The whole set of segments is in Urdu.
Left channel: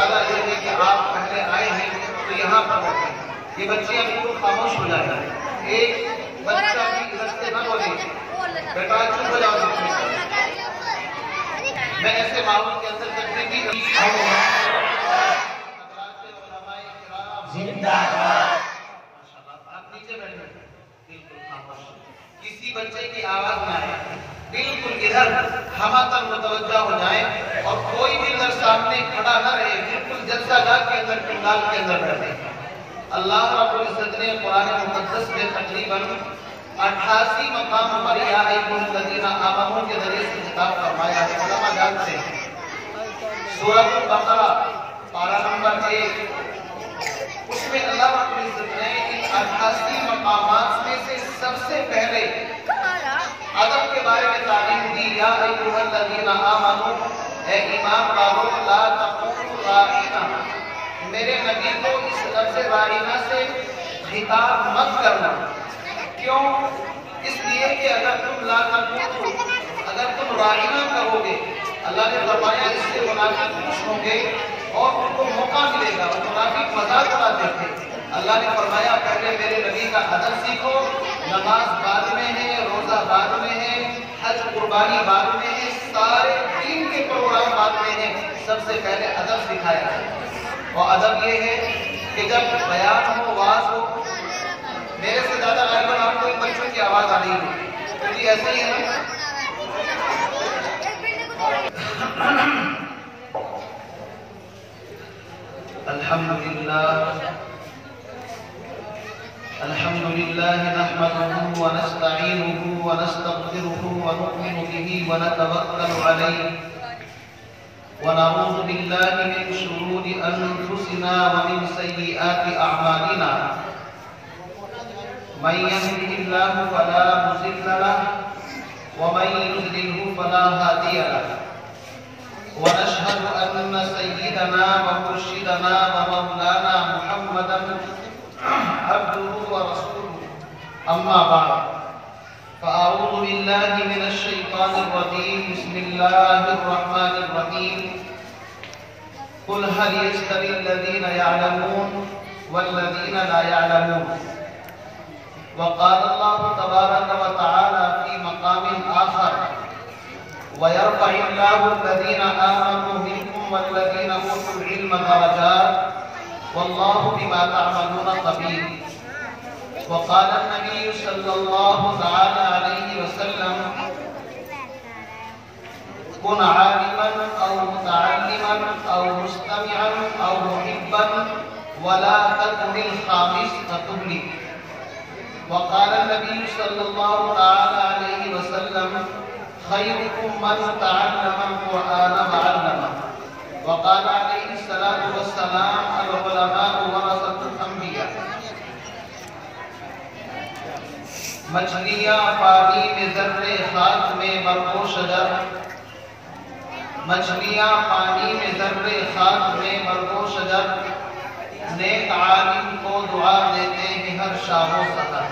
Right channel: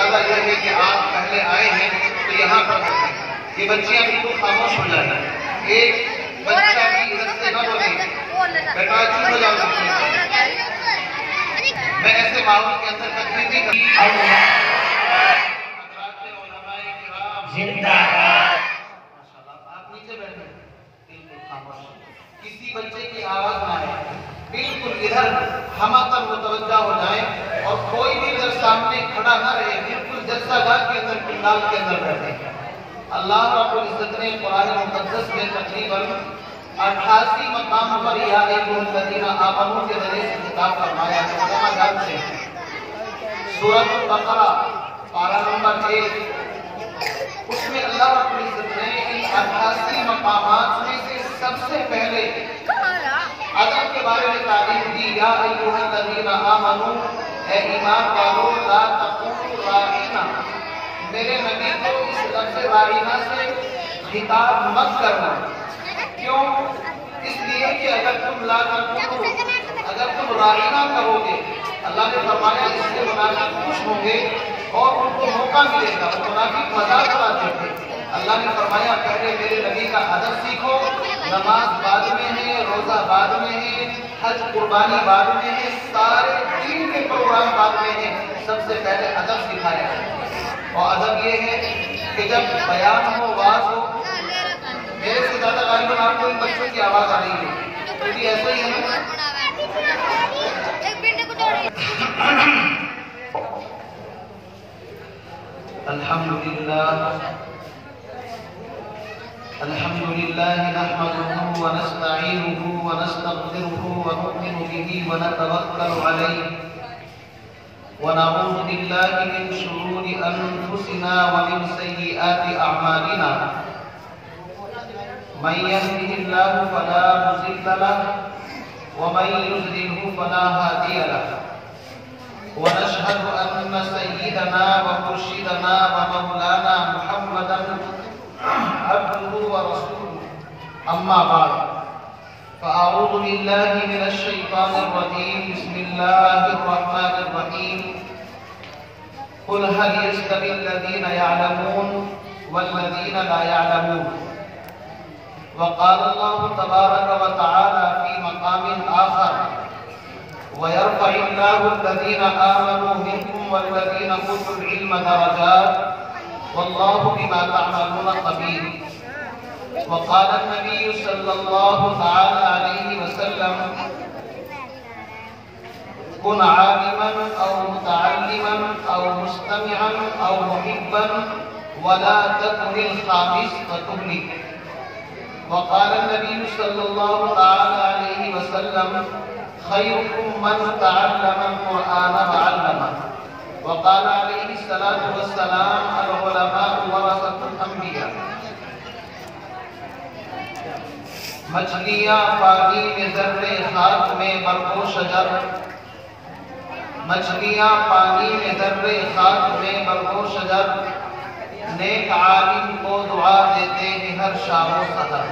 تقاضا یہ ہے کہ آپ پہلے آئے ہیں تو یہاں پر بیٹھیں. یہ بچیاں بالکل خاموش ہو جائیں. ایک بچہ بھی ادھر سے نہ بولے. بیٹا چپ ہو جاؤ. میں ایسے ماحول کے اندر تقریر نہیں کرتا. آپ نیچے بیٹھے بالکل خاموش. کسی بچے کی آواز نہ آئے. بالکل ادھر ہماتر متوجہ ہو جائیں اور کوئی بھی ادھر سامنے کھڑا نہ رہے. بالکل جلسہ گاہ کے اندر پنڈال کے اندر بیٹھے. اللہ رب العزت نے قرآن مقدس میں تقریباً 88 مقام پر یا ایھا الذین آمنوا کے ذریعے سے خطاب فرمایا ہے. علماء جانتے ہیں سورۃ البقرہ پارہ نمبر 1 اس میں اللہ رب العزت نے ان 88 مقامات میں سے سب سے پہلے ادب کے بارے میں تعلیم دی. یا ایھا الذین آمنوا اے ایمان والو لا تقولوا راعینا. میرے نبی کو اس لفظ راعینا سے خطاب مت کرنا. کیوں؟ اس لیے کہ اگر تم لا تقولوا اگر تم راعینا کہو گے اللہ نے فرمایا اس سے منافق خوش ہوں گے اور ان کو موقع ملے گا. منافق مذاق اڑاتے تھے. اللہ نے فرمایا پہلے میرے نبی کا ادب سیکھو. نماز بعد میں ہے, روزہ بعد میں ہے, حج قربانی بعد میں ہے, سارے دین کے پروگرام بعد میں ہیں. سب سے پہلے ادب سکھایا ہے. اور ادب یہ ہے کہ جب بیان ہو, واز ہو, میرے سے زیادہ غالباً آپ کو ان بچوں کی آواز آ رہی ہے کیونکہ ایسے ہی ہے. الحمدللہ نحمده ونستعینه ونستغفره ونؤمن به ونتوکل علیہ ونعوذ باللہ من شرور انفسنا ومن سیئات اعمالنا من يهده الله فلا مضل له ومن يضلل فلا هادي له ونشهد ان سيدنا ومرشدنا ومولانا محمدا عبده ورسوله اما بعد فاعوذ بالله من الشيطان الرجيم بسم الله الرحمن الرحيم قل هل يستوي الذين يعلمون والذين لا يعلمون. وقال الله تبارك وتعالى في مقام آخر ويرفع الله الذين آمنوا منكم والذين أوتوا العلم درجات والله بما تعملون خبير. وقال النبي صلى الله تعالى عليه وسلم كن عالما أو متعلما أو مستمعا أو محبا ولا تكن الخامس فتهلك. وقال النبي صلى الله تعالى عليه وسلم خيركم من تعلم القرآن وعلمه. وقال عليه الصلاة والسلام العلماء ورثة الأنبياء. مچھلیاں پانی میں ذرے خاک میں برق و شجر. مچھلیاں پانی میں ذرے خاک میں برق و شجر. نیک عالم کو دعا دیتے ہیں ہر شام و سحر.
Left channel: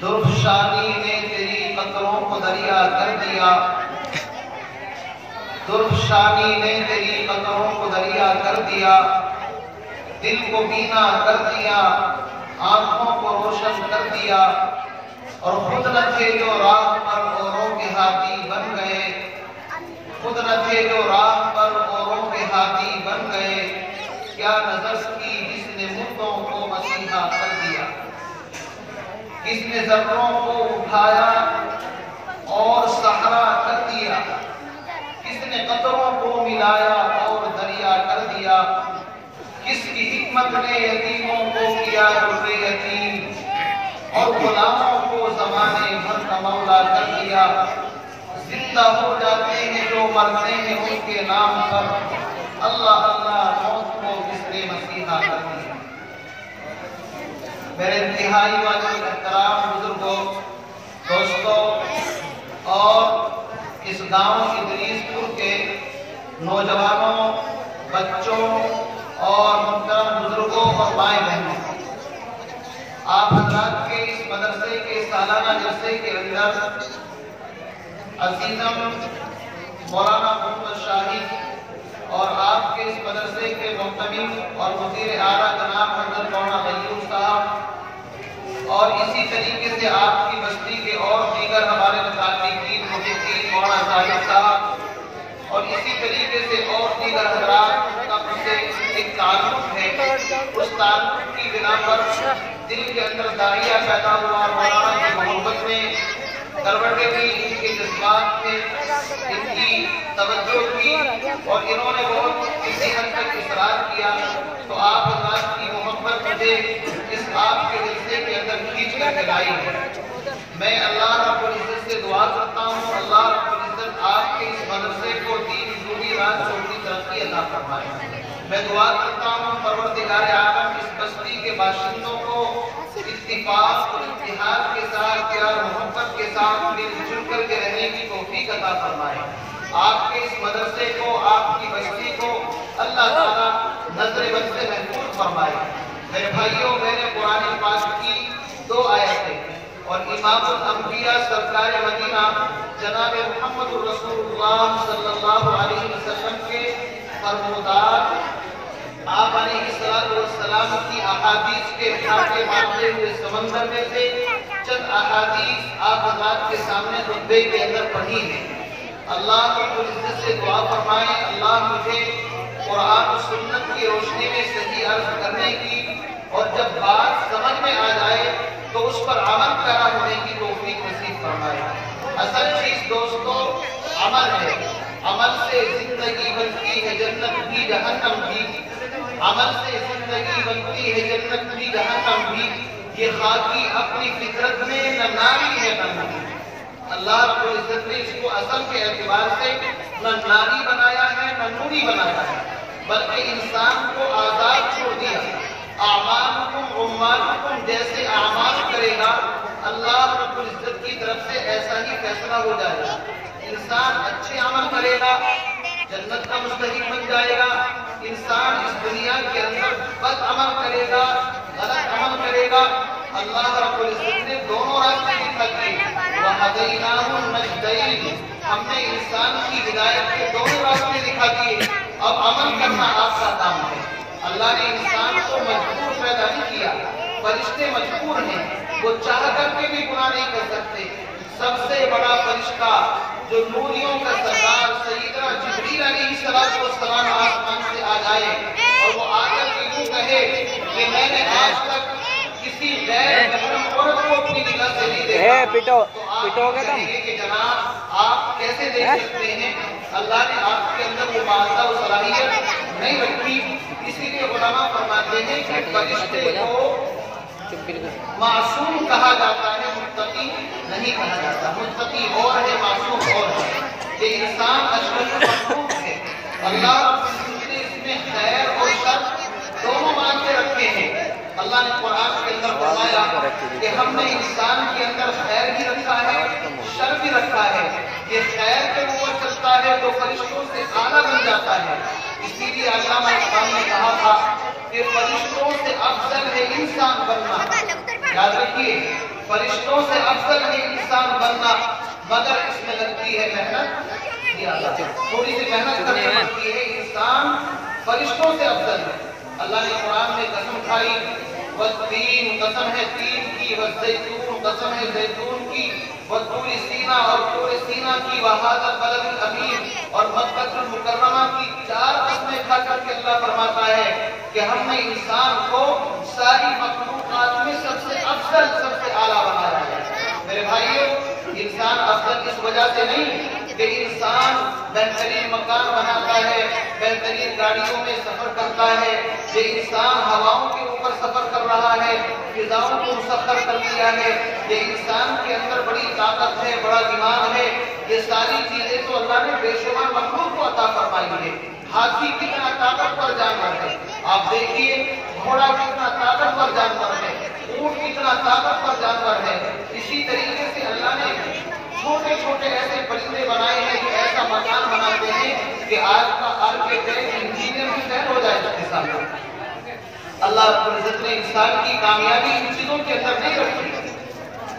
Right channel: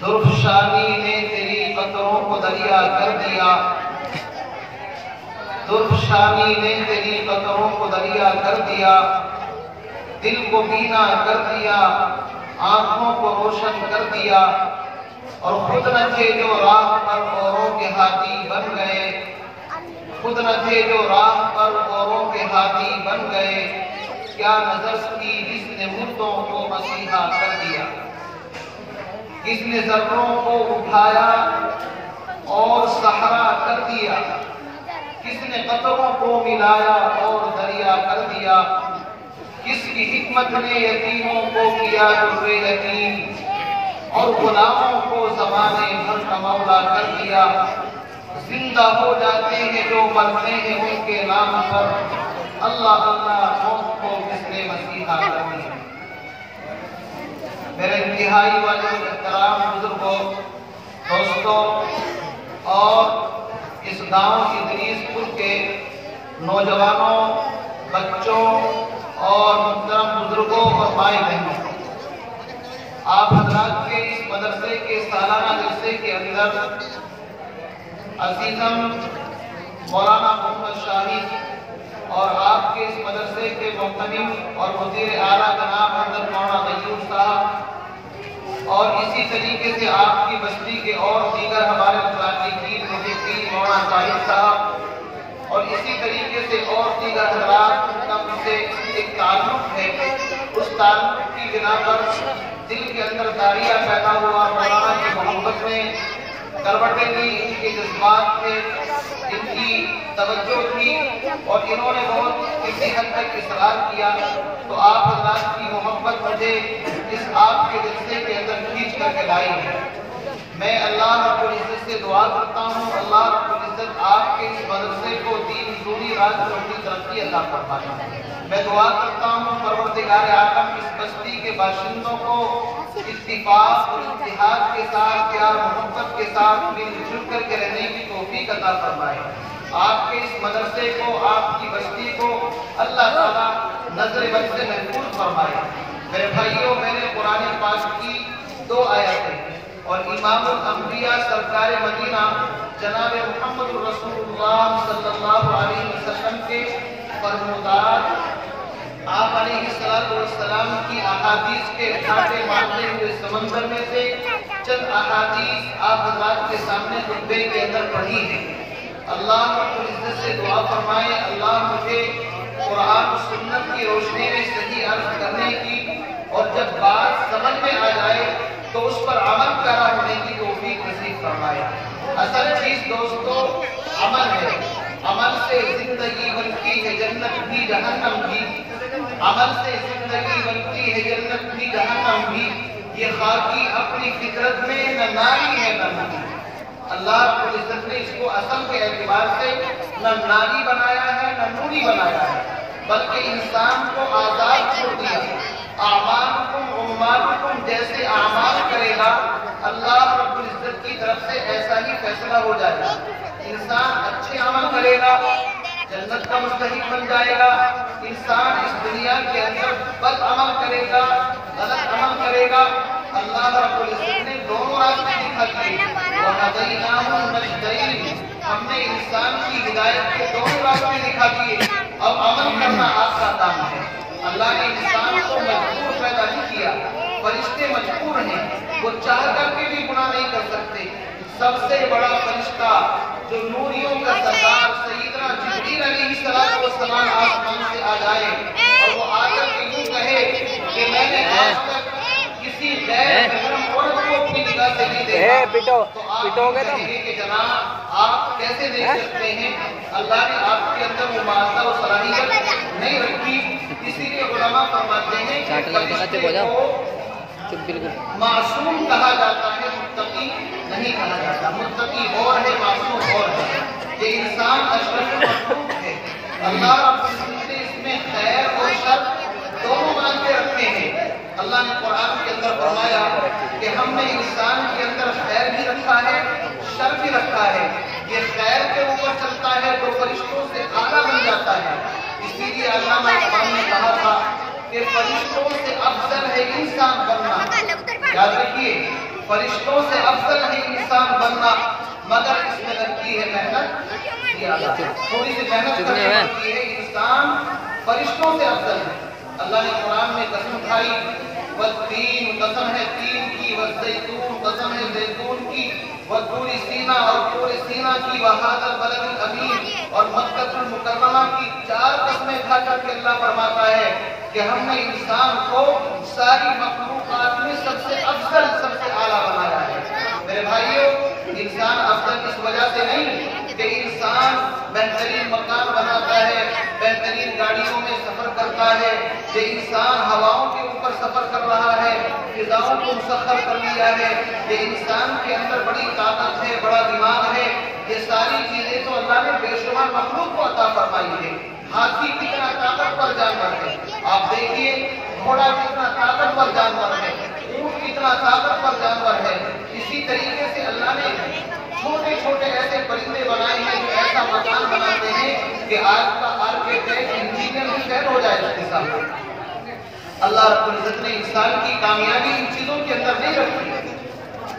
درفشانی نے تیری قطروں کو دریا کر دیا. درفشانی نے تیری قطروں کو دریا کر دیا. دل کو بینا کر دیا, آنکھوں کو روشن کر دیا. اور خود نہ تھے جو راہ پر اوروں کے ہاتھی بن گئے. خود نہ تھے جو راہ پر اوروں کے ہاتھی بن گئے. کیا نظر کی جس نے مردوں کو مسیحا کر دیا. کس نے ذروں کو اٹھایا اور صحرا کر دیا. کس نے قطروں کو ملایا اور دریا کر دیا. کس کی حکمت نے یتیموں کو کیا در یتیم اور غلاموں کو زمانے بھر کا مولا کر دیا. زندہ ہو جاتے ہیں جو مرتے ہیں ان کے نام پر. اللہ اللہ موت کو کس نے مسیحا کر دیا. میرے انتہائی والے احترام بزرگوں, دوستوں اور اس گاؤں ادریس پور کے نوجوانوں, بچوں اور محترم بزرگوں اور مائیں بہنوں, آپ حضرات کے اس مدرسے کے سالانہ جلسے کے اندر عزیزم مولانا محمد شاہد اور آپ کے اس مدرسے کے محتمم اور وزیر اعلیٰ جناب حضرت مولانا غیور صاحب، اور اسی طریقے سے آپ کی بستی کے اور دیگر ہمارے متعلقین محققین مولانا طاہر صاحب، اور اسی طریقے سے اور دیگر حضرات کا مجھ سے ایک تعلق ہے، اس تعلق کی بنا پر دل کے اندر داعیہ پیدا ہوا، مولانا کی محبت میں کروٹیں تھی، ان کے جذبات میں ان کی توجہ تھی، اور انہوں نے بہت کسی حد تک اصرار کیا، تو آپ حضرات کی محبت مجھے اس آپ کے جلسے کے اندر کھینچ کر کے لائی ہے۔ میں اللہ رب العزت سے دعا کرتا ہوں، اللہ رب العزت آپ کے اس مدرسے کو دین دنیا رات کو اپنی ترقی عطا فرمائے۔ میں دعا کرتا ہوں پروردگار عالم اس بستی کے باشندوں کو اتفاق اور اتحاد کے ساتھ، پیار محبت کے ساتھ مل جل کر کے رہنے کی توفیق عطا فرمائے۔ آپ کے اس مدرسے کو، آپ کی بستی کو اللہ تعالیٰ نظر بد سے محفوظ فرمائے۔ میرے بھائیوں، میں نے قرآن پاک کی 2 آیتیں اور امام الانبیاء سرکار مدینہ جناب محمد رسول اللہ صلی اللہ علیہ وسلم کے فرمودات، آپ علیہ السلام کی احادیث کے کھاٹے مارتے ہوئے سمندر میں سے چند احادیث آپ حضرات کے سامنے خطبے کے اندر پڑھی ہیں۔ اللہ رب العزت سے دعا فرمائے، اللہ مجھے قرآن و سنت کی روشنی میں صحیح عرض کرنے کی، اور جب بات سمجھ میں آ جائے تو اس پر عمل پیرا ہونے کی توفیق نصیب فرمائے۔ اصل چیز دوستو عمل ہے، عمل سے زندگی بنتی ہے جنت بھی جہنم بھی، عمل سے زندگی بنتی ہے جنت بھی جہنم بھی، یہ خاکی اپنی فطرت میں نہ ناری ہے نہ نوری۔ اللہ رب العزت نے اس کو اصل کے اعتبار سے نہ ناری بنایا ہے نہ نوری بنایا ہے، بلکہ انسان کو آزاد چھوڑ دیا۔ اعمالکم اعمالکم، جیسے اعمال کرے گا اللہ رب العزت کی طرف سے ایسا ہی فیصلہ ہو جائے گا۔ انسان اچھے عمل کرے گا جنت کا مستحق بن جائے گا، انسان اس دنیا کے اندر بد عمل کرے گا، غلط عمل کرے گا، اللہ رب العزت نے دونوں راستے دکھا دیے۔ وَهَدَيْنَاهُ النَّجْدَيْنِ، ہم نے انسان کی ہدایت کے دونوں راستے دکھا دیے۔ اب عمل کرنا آپ کا کام ہے۔ اللہ نے انسان کو مجبور پیدا نہیں کیا، فرشتے مجبور ہیں، وہ چاہ کر کے بھی گناہ نہیں کر سکتے۔ سب سے بڑا فرشتہ جو نوریوں کا سردار سیدنا جبریل علیہ السلام آسمان سے آ جائے اور وہ آ کر کے یوں کہے کہ میں نے آج تک کسی غیر محرم عورت کو اپنی نگاہ سے نہیں دیکھا، تو آپ کہیں گے کہ جناب آپ کیسے دیکھ سکتے ہیں؟ اللہ نے آپ کے اندر وہ مادہ و صلاحیت نہیں رکھی، اسی لیے علماء فرماتے ہیں کہ فرشتے کو معصوم کہا جاتا ہے، متقی نہیں کہا جاتا۔ متقی اور ہے، معصوم اور ہے۔ یہ انسان اشرف المخلوق ہے۔ اللہ رب العزت نے اس میں خیر اور شر دونوں معنی رکھے ہیں۔ اللہ نے قرآن کے اندر فرمایا کہ ہم نے انسان کے اندر خیر بھی رکھا ہے، شر بھی رکھا ہے۔ یہ خیر کے اوپر چلتا ہے تو فرشتوں سے اعلیٰ بن جاتا ہے۔ اسی لیے علامہ اقبال نے کہا تھا کہ فرشتوں سے افضل ہے انسان بننا۔ یاد رکھیے، فرشتوں سے افضل ہے انسان بننا، مگر اس میں لگتی ہے محنت زیادہ، تھوڑی سی محنت کرنی پڑتی ہے۔ انسان فرشتوں سے افضل ہے۔ اللہ نے قرآن میں قسم کھائی، والتین، قسم ہے تین کی، والزیتون، قسم ہے زیتون کی، والطور سینا، اور طور سینا کی، وہذا البلد الامین، اور مکہ المکرمہ کی، 4 قسمیں کھا کر کے اللہ فرماتا ہے کہ ہم نے انسان کو ساری مخلوقات میں سب سے افضل، سب سے اعلیٰ بنایا ہے۔ میرے بھائیوں، انسان افضل اس وجہ سے نہیں کہ انسان بہترین مکان بناتا ہے، بہترین گاڑیوں میں سفر کرتا ہے، یہ انسان ہواؤں کے اوپر سفر کر رہا ہے، فضاؤں کو مسخر کر لیا ہے، یہ انسان کے اندر بڑی طاقت ہے، بڑا دماغ ہے، یہ ساری چیزیں تو اللہ نے بے شمار مخلوق کو عطا فرمائی ہے۔ ہاتھی کتنا طاقتور جانور ہے، آپ دیکھیے، گھوڑا کتنا طاقتور جانور ہے، اونٹ کتنا طاقتور جانور ہے۔ اسی طریقے سے اللہ نے چھوٹے چھوٹے ایسے پرندے بنائے ہیں جو ایسا مکان بناتے ہیں کہ آج کا آرکیٹیکٹ انجینئر بھی فیل ہو جائے اس کے سامنے۔ اللہ رب العزت نے انسان کی کامیابی ان چیزوں کے اندر نہیں رکھی،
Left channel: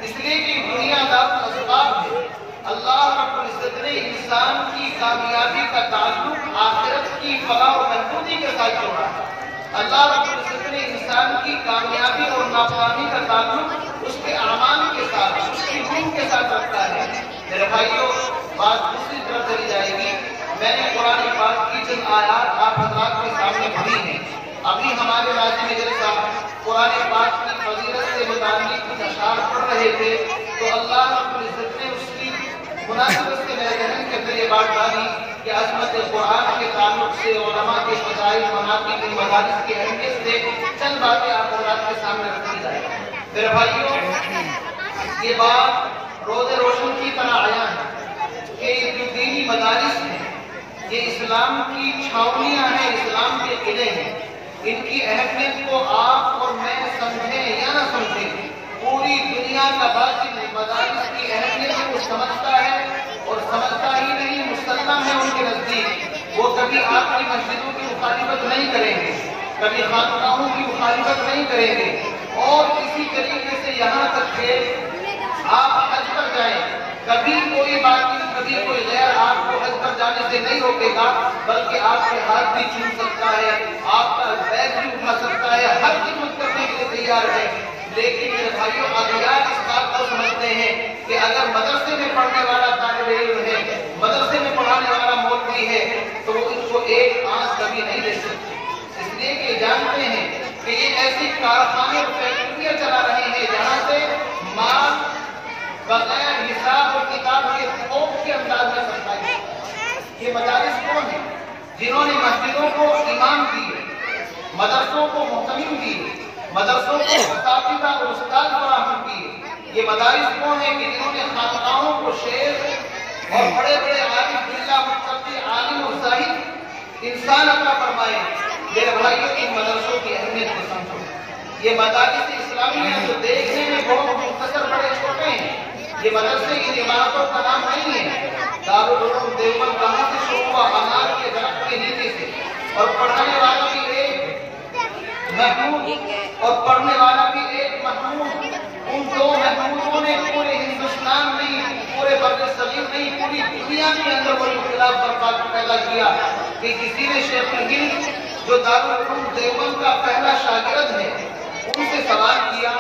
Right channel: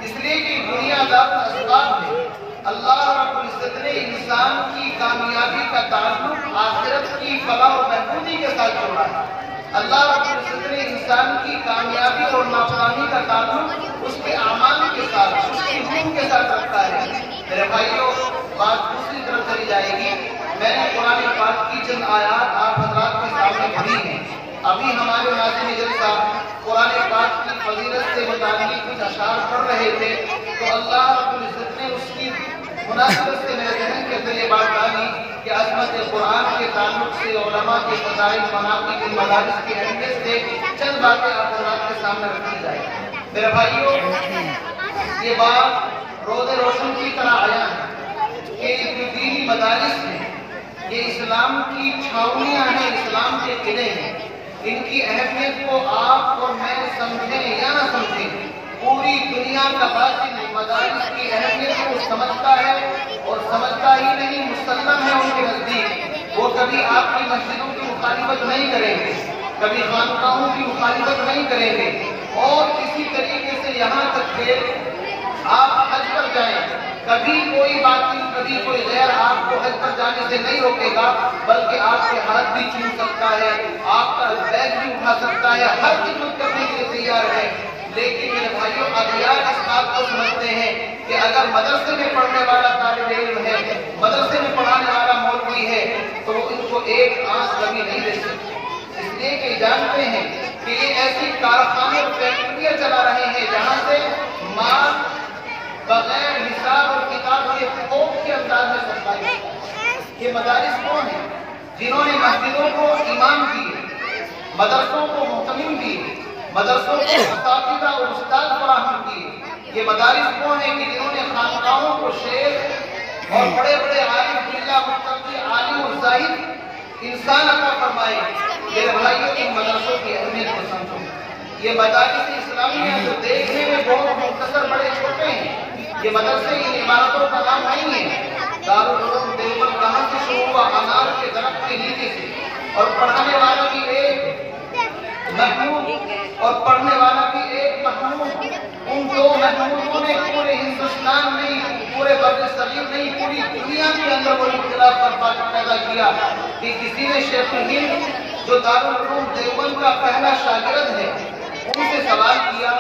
اس لیے کہ دنیا ذات الاسباب ہے۔ اللہ رب العزت نے انسان کی کامیابی کا تعلق آخرت کی فلاح و بہبودی کے ساتھ جوڑا ہے۔ اللہ رب العزت نے انسان کی کامیابی اور ناکامی کا تعلق اس کے اعمال کے ساتھ، اس کی روح کے ساتھ رکھتا ہے۔ میرے بھائیوں، بات دوسری طرف چلی جائے گی۔ میں نے قرآن پاک کی چند آیات آپ حضرات کے سامنے پڑھی ہیں۔ ابھی ہمارے ناظرین جلسہ قرآن پاک کی فضیلت سے متعلق کچھ اشعار پڑھ رہے تھے، تو اللہ رب العزت نے اس کی مناسبت سے میرے ذہن کے اندر یہ بات ڈالی کہ عظمت قرآن کے تعلق سے، علماء کے فضائل، مناقب، مدارس کی اہمیت سے چند باتیں آپ حضرات کے سامنے رکھی جائے۔ میرے بھائیوں، یہ بات روز روشن کی طرح آیا ہے کہ یہ جو دینی مدارس ہیں، یہ اسلام کی چھاؤنیاں ہیں، اسلام کے قلعے ہیں۔ ان کی اہمیت کو آپ اور میں سمجھیں یا نہ سمجھیں، پوری دنیا کا باطن مدارس کی اہمیت کو سمجھتا ہے، اور سمجھتا ہی نہیں، مسلم ہے ان کے نزدیک۔ وہ کبھی آپ کی مسجدوں کی مخالفت نہیں کریں گے، کبھی خانقاہوں کی مخالفت نہیں کریں گے، اور کسی طریقے سے یہاں تک کہ آپ حج پر جائیں، کبھی کوئی باطل، کبھی کوئی غیر آپ کو حج پر جانے سے نہیں روکے گا، بلکہ آپ کے ہاتھ بھی چھو سکتا ہے، آپ کا بیگ بھی اٹھا سکتا ہے، ہر خدمت کرنے کے لیے تیار ہے۔ لیکن میرے بھائیوں، اغیار اس بات کو سمجھتے ہیں کہ اگر مدرسے میں پڑھنے والا طالب علم ہے، مدرسے میں پڑھانے والا مولوی ہے، تو وہ ان کو ایک آنچ کبھی نہیں دے سکتے، اس لیے کہ جانتے ہیں کہ یہ ایسی کارخانے اور فیکٹریاں چلا رہے ہیں جہاں سے مال بغیر حساب اور کتاب کے خوف کے انداز میں سپلائی ہوتا ہے۔ یہ مدارس کون ہیں جنہوں نے مسجدوں کو امام دیے، مدرسوں کو محتمم دیے، مدرسوں کو اساتذہ اور استاد فراہم کیے؟ یہ مدارس کون ہیں کہ جنہوں نے خانقاہوں کو شیخ اور بڑے بڑے عالم، باللہ متقی عالم اور زاہد انسان عطا فرمائے؟ میرے بھائیوں، ان مدرسوں کی اہمیت کو سمجھو۔ یہ مدارس اسلامیہ جو دیکھنے میں بہت مختصر، بڑے چھوٹے ہیں، یہ مدرسے ان عمارتوں کا نام نہیں ہے۔ دارالعلوم دیوبند کہاں سے شروع ہوا؟ انار کے درخت کے نیچے سے، اور پڑھانے والا بھی ایک محمود اور پڑھنے والا بھی ایک محمود۔ ان دو محمودوں نے پورے ہندوستان نہیں، پورے بر صغیر نہیں، پوری دنیا کے اندر وہ انقلاب پیدا کیا کہ کسی نے شیخ الہند جو دارالعلوم دیوبند کا پہلا شاگرد ہے، ان سے سوال کیا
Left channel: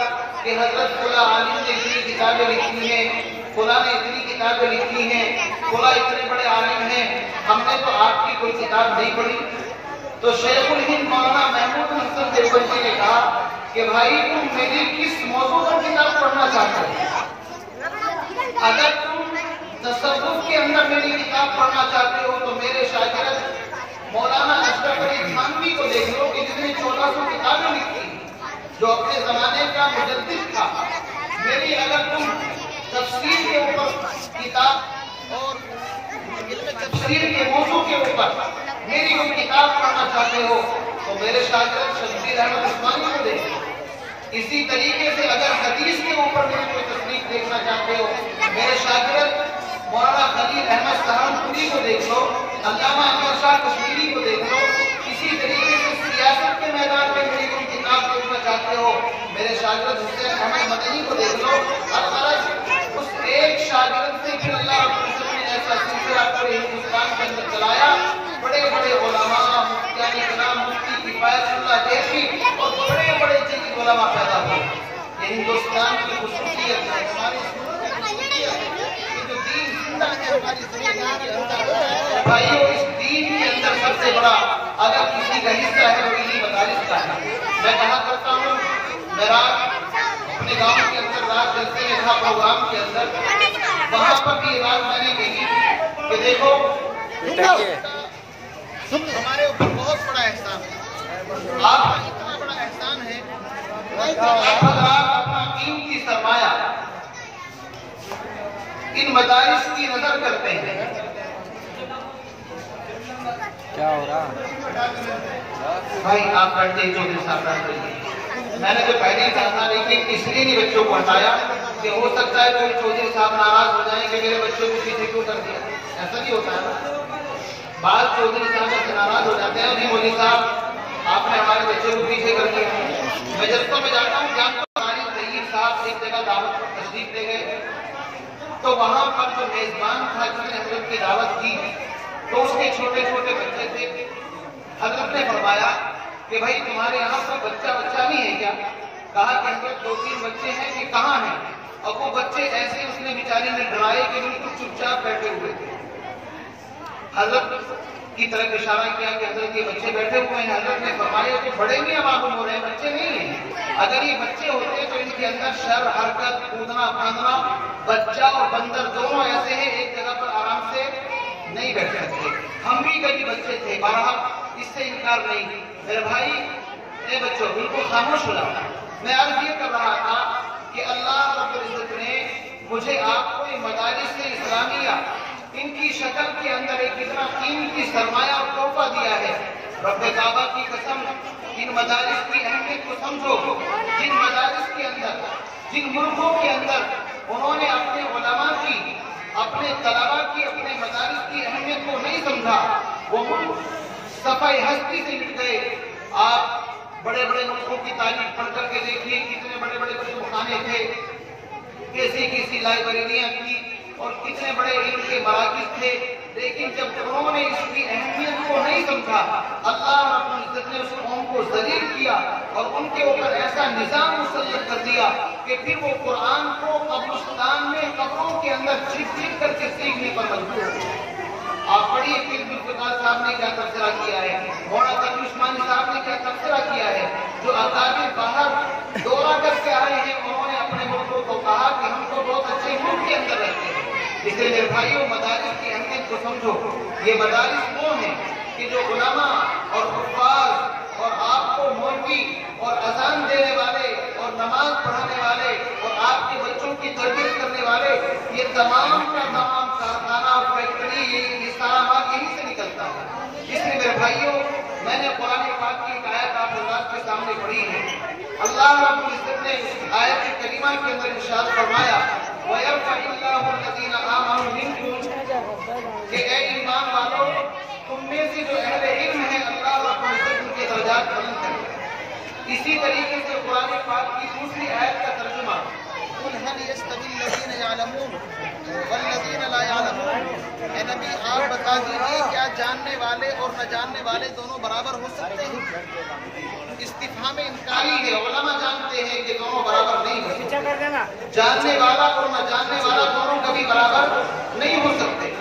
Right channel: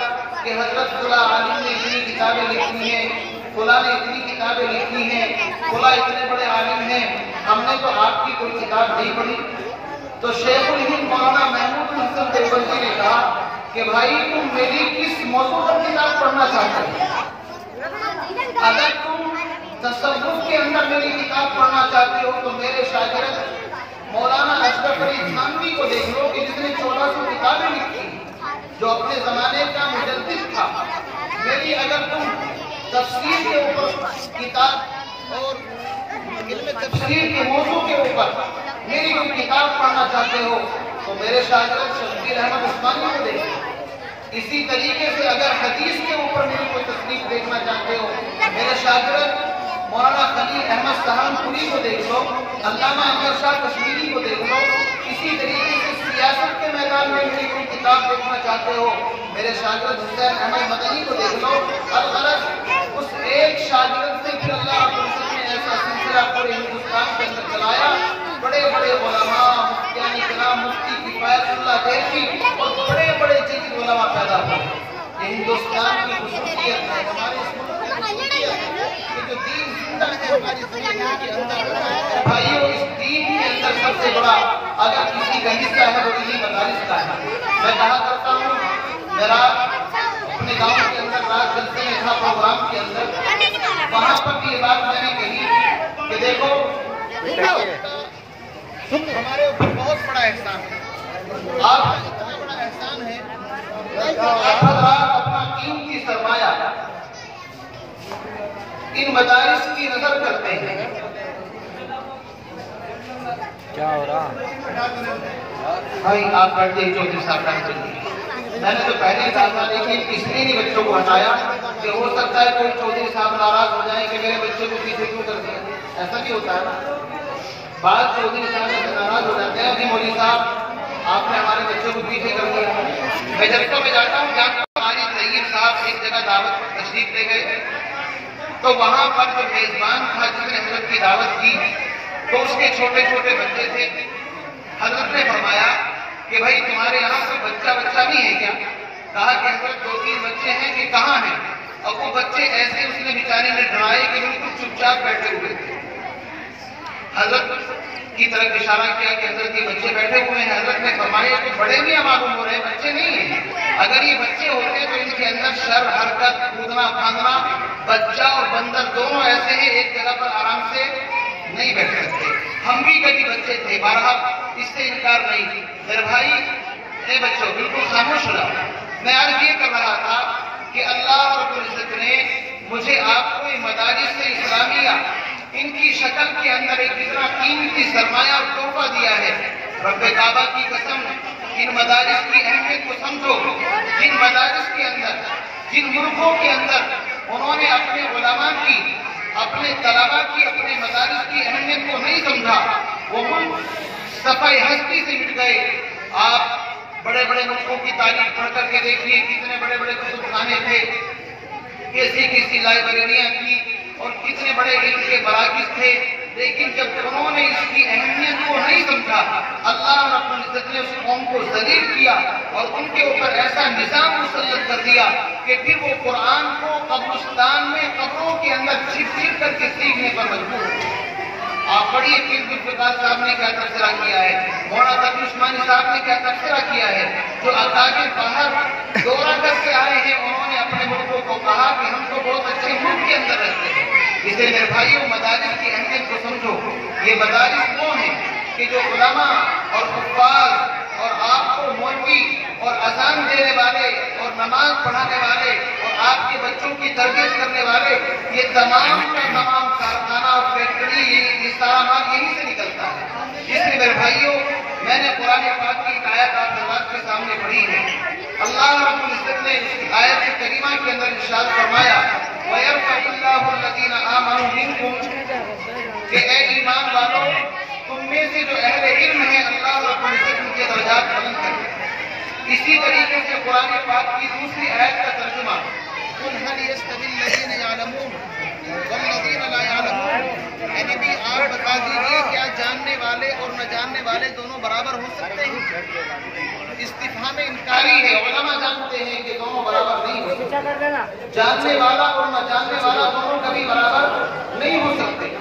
کہ حضرت فلاں عالم نے اتنی کتابیں لکھی ہیں، فلاں نے اتنی کتابیں لکھی ہیں، فلاں اتنے بڑے عالم ہیں، ہم نے تو آپ کی کوئی کتاب نہیں پڑھی۔ تو شیخ الہند مولانا محمود حسن دیوبندی نے کہا کہ بھائی، تم میری کس موضوع پر کتاب پڑھنا چاہتے ہو؟ اگر تم تصوف کے اندر میری کتاب پڑھنا چاہتے ہو تو میرے شاگرد مولانا اشرف علی تھانوی کو دیکھ لو کہ جس نے 1400 کتابیں لکھی، جو اپنے زمانے کا مجدد تھا۔ میری اگر تم تفسیر کے اوپر کتاب اور علم تفسیر کے موضوع کے اوپر میری کوئی کتاب پڑھنا چاہتے ہو تو میرے شاگرد شبیر احمد عثمانی کو دیکھو۔ اسی طریقے سے اگر حدیث کے اوپر میری کوئی تصنیف دیکھنا چاہتے ہو، میرے شاگرد مولانا خلیل احمد سہارنپوری کو دیکھ لو، علامہ اکبر شاہ کشمیری کو دیکھ لو۔ اسی طریقے سے سیاست کے میدان میں میری کوئی کتاب دیکھنا چاہتے ہو، میرے شاگرد حسین احمد مدنی کو دیکھ لو۔ الغرض اس ایک شاگرد سے کہ اللہ رب العزت نے ایسا سلسلہ پورے ہندوستان کے اندر چلایا، بڑے بڑے علماء، مفتیان کرام، مفتی کفایت اللہ جیسی اور بڑے بڑے جدید علماء پیدا ہوئے۔ یہ ہندوستان کی خصوصیت ہے، ہمارے اس ملک کی خصوصیت ہے کہ جو دین زندہ ہے ہماری زندگی کے اندر۔ بھائیو، اس دین کے اندر سب سے بڑا اگر کسی کا حصہ ہے وہ انہی مدارس کا ہے۔ میں کہا کرتا ہوں، میرا اپنے گاؤں کے اندر رات جلسے میں تھا، پروگرام کے اندر، وہاں پر بھی یہ بات میں نے کہی کہ دیکھو ہمارے اوپر بہت بڑا احسان ہے، آپ کا اتنا بڑا احسان ہے کہ آپ اپنا قیمتی سرمایہ ان مدارس کی نظر کرتے ہیں۔ کیا ہو رہا بھائی آپ بیٹھے چودھری صاحب بیٹھ کریے۔ میں نے تو پہلے ہی کہا تھا، لیکن اس لیے نہیں بچوں کو ہٹایا کہ ہو سکتا ہے کوئی چودھری صاحب ناراض ہو جائیں کہ میرے بچوں کو پیچھے کیوں کر دیا۔ ایسا نہیں ہوتا ہے، بعض چودھری صاحب سے ناراض ہو جاتے ہیں کہ مولوی صاحب آپ نے ہمارے بچوں کو پیچھے کر دیا۔ میں جلسوں میں جاتا ہوں، جہاں ہماری طیب صاحب ایک جگہ دعوت پر تشریف لے گئے، تو وہاں پر جو میزبان تھا جس نے حضرت کی دعوت کی، تو اس کے چھوٹے چھوٹے بچے تھے. حضرت نے فرمایا کہ بھائی تمہارے یہاں کوئی بچہ نہیں ہے کیا؟ کہا کہ حضرت 2-3 بچے ہیں. کہ کہاں ہیں؟ اور وہ بچے ایسے اس نے بیچارے نے ڈرائے کہ بالکل چپ چاپ بیٹھے ہوئے تھے. حضرت کی طرف اشارہ کیا کہ حضرت یہ بچے بیٹھے ہوئے ہیں. حضرت نے فرمایا کہ بڑے بھی معلوم ہو رہے ہیں، بچے نہیں ہیں. اگر یہ بچے ہوتے تو ان کے اندر شر، حرکت، کودنا پھاندنا، بچہ اور بندر دونوں ایسے ہیں، ایک جگہ پر آرام سے نہیں بیٹھ سکتے. ہم بھی کبھی بچے تھے، بہرحال اس سے انکار نہیں. میرے بھائی، اے بچوں بالکل خاموش رہا. میں عرض یہ کر رہا تھا کہ اللہ رب العزت نے مجھے آپ کو مدارس اسلامیہ ان کی شکل کے اندر ایک کتنا قیمتی سرمایہ اور تحفہ دیا ہے. رب کعبہ کی قسم، ان مدارس کی اہمیت کو سمجھو. جن مدارس کے اندر، جن ملکوں کے اندر انہوں نے اپنے علماء کی، اپنے طلباء کی، اپنے مدارس کی اہمیت کو نہیں سمجھا، وہ ملک صفحہ ہستی سے مٹ گئے. آپ بڑے بڑے ملکوں کی تاریخ پڑھ کر کے دیکھیے کتنے بڑے بڑے کتب خانے تھے، کیسی کیسی لائبریریاں تھیں، اور کتنے بڑے علم کے مراکز تھے. لیکن جب انہوں نے اس کی اہمیت کو نہیں سمجھا، اللہ رب العزت نے اس قوم کو ذلیل کیا اور ان کے اوپر ایسا نظام مسلط کر دیا کہ پھر وہ قرآن کو قبرستان میں قبروں کے اندر چھپ چھپ کر کے سیکھنے پر مجبور ہوئے. آپ پڑھیے پیر عبدالفقار صاحب نے کیا تبصرہ کیا ہے، مولانا تقی عثمانی صاحب نے کیا تبصرہ کیا ہے. جو اکابر باہر دورہ کر کے آئے ہیں، انہوں نے اپنے ملکوں کو کہا کہ ہم کو بہت اچھے ملک کے اندر رہتے ہیں. اس لیے میرے بھائیوں، مدارس کی اہمیت کو سمجھو. یہ مدارس وہ ہیں کہ جو علماء اور حفاظ اور آپ کو مولوی اور اذان دینے والے اور نماز پڑھانے والے اور آپ کے بچوں کی تربیت کرنے والے، یہ تمام کا تمام کارخانہ اور فیکٹری، یہ سارا مال یہیں سے نکلتا ہے. اس لیے میرے بھائیوں، میں نے قرآن پاک کی ایک آیت آپ حضرات کے سامنے پڑھی ہے. اللہ رب العزت نے اس آیت کریمہ کے اندر ارشاد فرمایا وَيَرْفَعُ اللَّهُ الَّذِينَ آمَنُوا مِنكُمْ، کہ اے ایمان والو، تم میں سے جو اہل علم ہیں اللہ رب العزت ان کے درجات بلند کرے. اسی طریقے سے قرآن پاک کی دوسری آیت کا ترجمہ قُلْ هَلْ يَسْتَوِي الَّذِينَ يَعْلَمُونَ وَالَّذِينَ لَا يَعْلَمُونَ، اے نبی آپ بتا دیجئے کیا جاننے والے اور نہ جاننے والے دونوں برابر ہو سکتے ہیں؟ استفہام انکاری ہے. علماء جانتے ہیں کہ دونوں برابر نہیں ہو سکتے. جاننے والا اور نہ جاننے والا دونوں کبھی برابر نہیں ہو سکتے.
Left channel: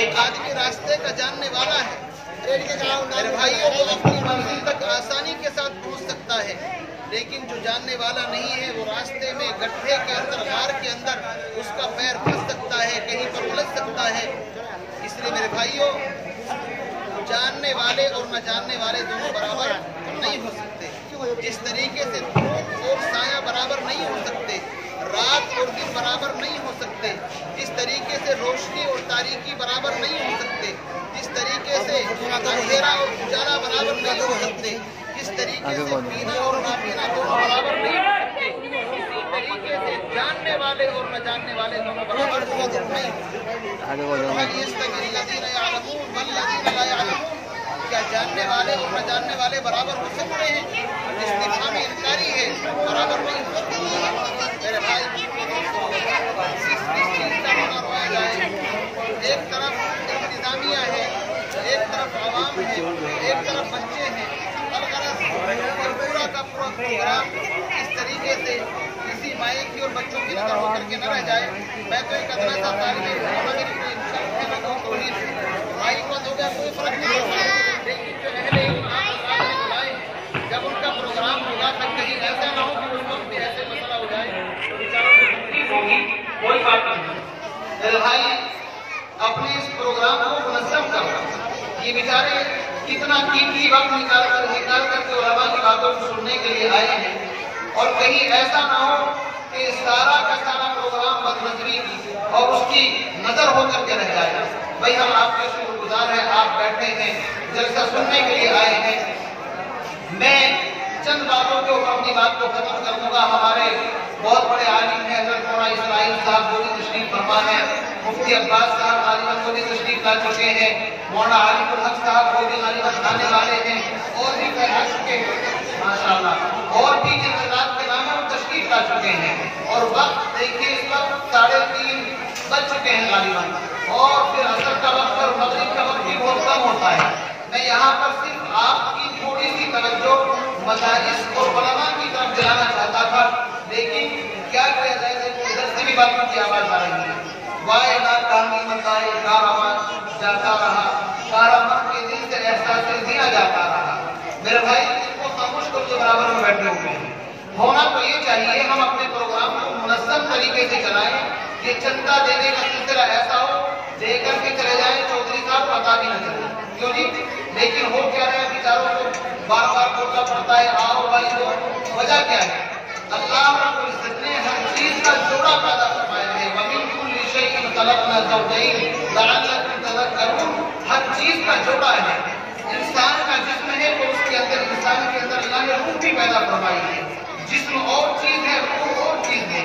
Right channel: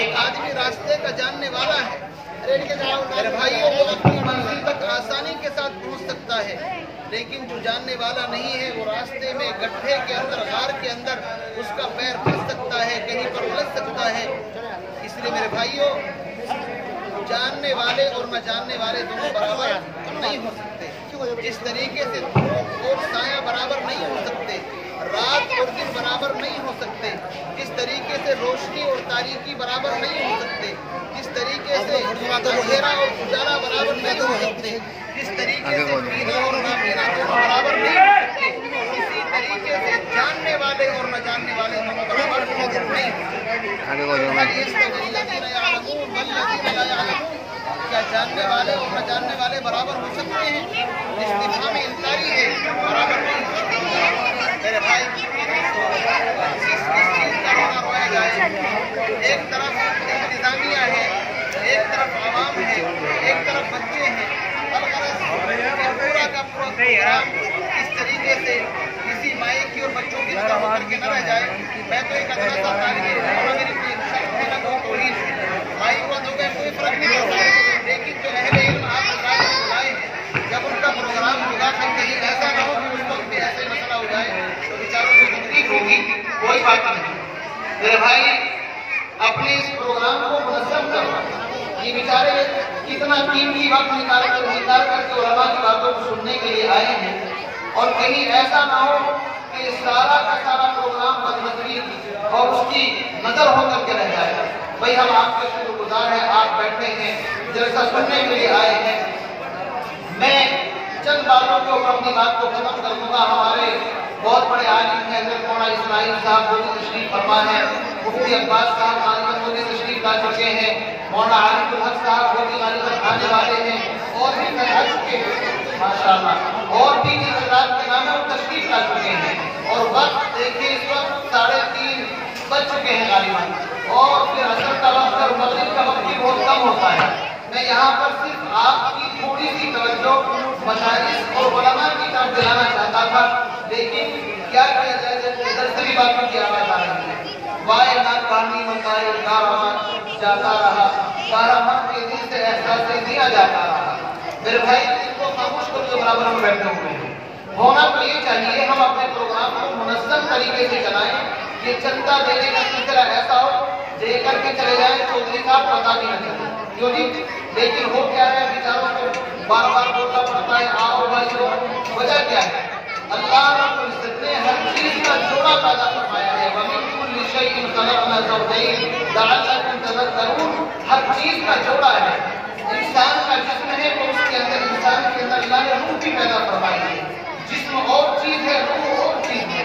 ایک آدمی راستے کا جاننے والا ہے میرے بھائیوں، وہ اپنی منزل تک آسانی کے ساتھ پہنچ سکتا ہے. لیکن جو جاننے والا نہیں ہے، وہ راستے میں گڈھے کے اندر، غار کے اندر اس کا پیر پھنس سکتا ہے، کہیں پر الجھ سکتا ہے. اس لیے میرے بھائیوں، جاننے والے اور نہ جاننے والے دونوں برابر نہیں ہو سکتے. جس طریقے سے دھوپ اور سایہ برابر نہیں ہو سکتے، رات اور دن برابر نہیں ہو سکتے، جس طریقے سے روشنی اور تاریکی برابر نہیں ہو سکتے، جس طریقے سے اندھیرا اور اجالا برابر نہیں ہو سکتے، جس طریقے سے پینا اور نہ پینا دونوں برابر نہیں ہو سکتے، اسی طریقے سے جاننے والے اور نہ جاننے والے دونوں برابر نہیں ہو سکتے. کیا جاننے والے اور نہ جاننے والے برابر ہو سکتے ہیں؟ استفہام انکاری ہے، برابر نہیں ہو سکتے. میرے بھائی، اس چیز کا رونا رویا جائے. ایک طرف انتظامیہ ہے، ایک طرف عوام ہے، ایک طرف بچے ہیں. الغرض پورا کا پورا پروگرام اس طریقے سے کسی مائک کی اور بچوں کی نظر ہو کر کے نہ رہ جائے. میں تو ایک ادنا سا طالب علم ہوں، نہ میری کوئی شک ہے نہ کوئی توہین ہے. مائک بند ہو گیا کوئی فرق نہیں پڑتا. لیکن جو اہل علم آپ حضرات نے بلائے ہیں، جب ان کا پروگرام ہوگا تو کہیں ایسا نہ ہو کہ اس وقت بھی ایسے مسئلہ ہو جائے تو بیچاروں کو تکلیف ہوگی. کوئی بات نہیں. میرے بھائی، اپنے اس پروگرام کو منظم کرو. یہ بیچارے کتنا قیمتی وقت نکال کر کے علماء کی باتوں کو سننے کے لیے آئے ہیں، اور کہیں ایسا نہ ہو کہ سارا کا سارا پروگرام بد نظری اور اس کی نظر ہو کر کے رہ جائے. بھائی، ہم آپ کے شکر گزار ہیں، آپ بیٹھے ہیں، جلسہ سننے کے لیے آئے ہیں. میں چند باتوں کے اوپر اپنی بات کو ختم کر دوں گا. ہمارے بہت بڑے عالم ہیں، حضرت مولانا اسماعیل صاحب وہ بھی تشریف فرما ہیں، مفتی عباس صاحب غالباً وہ بھی تشریف لا چکے ہیں، مولانا عارف الحق صاحب وہ بھی غالباً آنے والے ہیں، اور بھی کہیں آ چکے ہیں ماشاءاللہ، اور بھی جن حضرات کے نام ہے وہ تشریف لا چکے ہیں. اور وقت دیکھیے، اس وقت 3:30 بج چکے ہیں غالباً، اور پھر عصر کا وقت اور مغرب کا وقت بھی بہت کی آواز آ رہی ہے. وائے ناکامی متائے کارواں جاتا رہا، کارواں کے دل سے احساس دیا جاتا رہا. میرے بھائی ان کو خاموش کر کے برابر میں بیٹھے ہوئے ہیں. ہونا تو یہ چاہیے ہم اپنے پروگرام کو منظم طریقے سے چلائیں. یہ چندہ دینے کا سلسلہ ایسا ہو دے کر کے چلے جائیں چودھری صاحب پتا بھی نہ چلے. کیوں جی؟ لیکن ہو کیا ہے بیچاروں کو بار بار بولنا پڑتا ہے آؤ بھائی لو. وجہ کیا ہے؟ اللہ رب العزت نے ہر چیز کا جوڑا پیدا فرمایا ہے. وَمِن كُلِّ شَيْءٍ خَلَقْنَا زَوْجَيْنِ لَعَلَّكُمْ تَذَكَّرُونَ. ہر چیز کا جوڑا ہے. انسان کا جسم ہے تو اس کے اندر انسان کے اندر اللہ نے روح بھی پیدا فرمائی ہے. جسم اور چیز ہے، روح اور چیز ہے.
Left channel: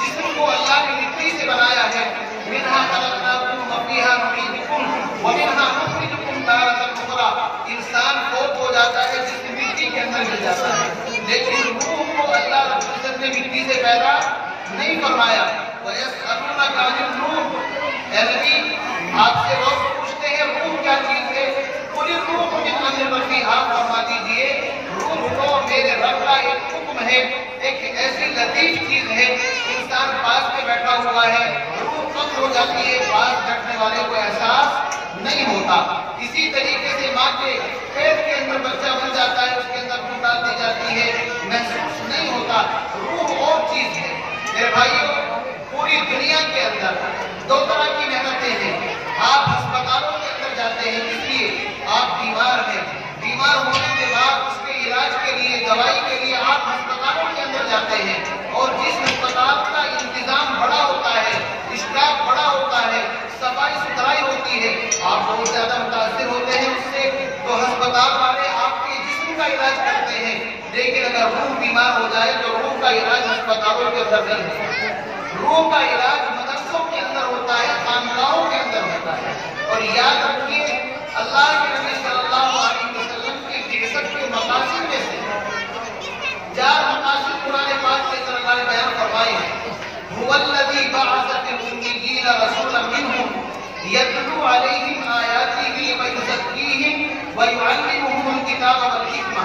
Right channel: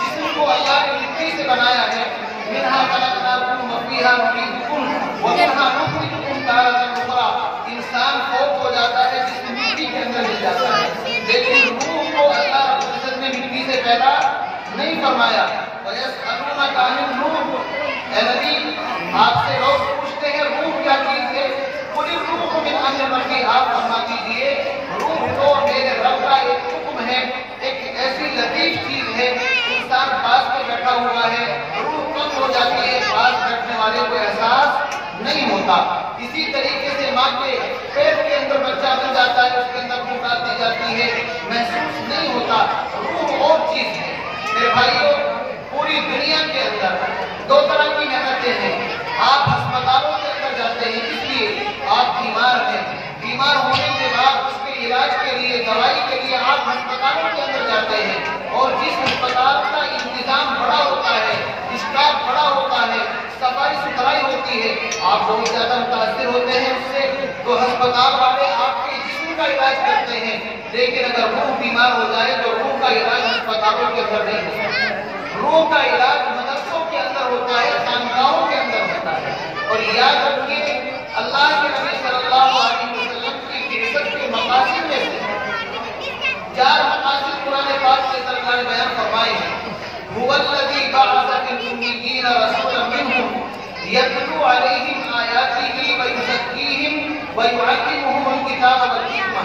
جسم کو اللہ نے مٹی سے بنایا ہے. منہا خلقناکم وفیہا نعیدکم ومنہا نخرجکم تارۃ اخری. انسان فوت ہو جاتا ہے، جسم مٹی کے اندر مل جاتا ہے، لیکن روح کو اللہ رب العزت نے مٹی سے پیدا نہیں فرمایا. وَيَسْأَلُونَكَ عَنِ الرُّوحِ. اے نبی آپ سے لوگ پوچھتے ہیں روح کیا چیز ہے؟ قُلِ الرُّوحُ مِنْ أَمْرِ رَبِّي. آپ فرما دیجئے روح تو میرے رب کا ایک حکم ہے، ایک ایسی لطیف چیز ہے. انسان پاس میں بیٹھا ہوا ہے، روح کم ہو جاتی ہے، پاس بیٹھنے والے کو احساس نہیں ہوتا. اسی طریقے سے ماں کے پیٹ کے اندر بچہ بن جاتا ہے، اس کے اندر روح ڈال دی جاتی ہے، محسوس نہیں ہوتا. روح اور چیز ہے. میرے بھائیوں پوری دنیا کے اندر دو طرح کی محنتیں ہیں. آپ ہسپتالوں کے اندر جاتے ہیں اس لیے آپ بیمار ہیں، بیمار ہونے کے بعد اس کے علاج کے لیے دوائی کے لیے آپ ہسپتالوں کے اندر جاتے ہیں. اور جس ہسپتال کا انتظام بڑا ہوتا ہے، اسٹاف بڑا ہوتا ہے، صفائی ستھرائی ہوتی ہے، آپ بہت زیادہ متاثر ہوتے ہیں اس سے. تو ہسپتال والے آپ کے جسم کا علاج کرتے ہیں، لیکن اگر روح بیمار ہو جائے تو روح کا علاج ہسپتالوں کے اندر نہیں ہوتا. روح کا علاج مدرسوں کے اندر ہوتا ہے، خانقاہوں کے اندر ہوتا ہے. اور یاد رکھیے اللہ کے نبی صلی اللہ علیہ وسلم کی بعثت کے مقاصد میں سے 4 مقاصد قرآن پاک کے اندر اللہ نے بیان فرمائے ہیں. هو الذي بعث في الأميين رسولا منهم يتلو عليهم آياته ويزكيهم ويعلمهم الكتاب والحكمة.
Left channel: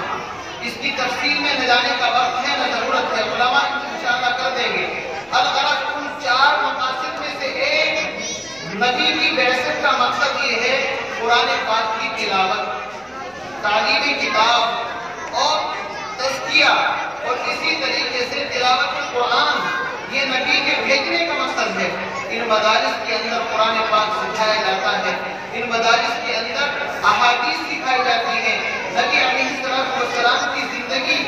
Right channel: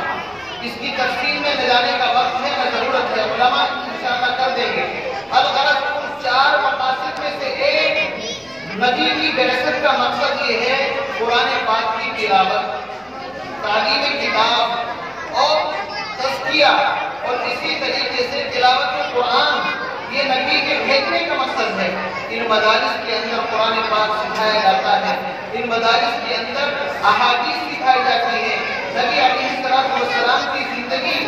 اس کی تفصیل میں نہ جانے کا وقت ہے نہ ضرورت ہے، علماء انشاءاللہ کر دیں گے. الغرض ان 4 مقاصد میں سے ایک نبی کی بعثت کا مقصد یہ ہے قرآن پاک کی تلاوت، تعلیم کتاب اور تزکیہ. اور اسی طریقے سے تلاوت قرآن یہ نبی کے بھیجنے کا مقصد ہے. ان مدارس کے اندر قرآن پاک سکھایا جاتا ہے، ان مدارس کے اندر احادیث سکھائی جاتی ہیں. نبی علیہ السلام کی زندگی،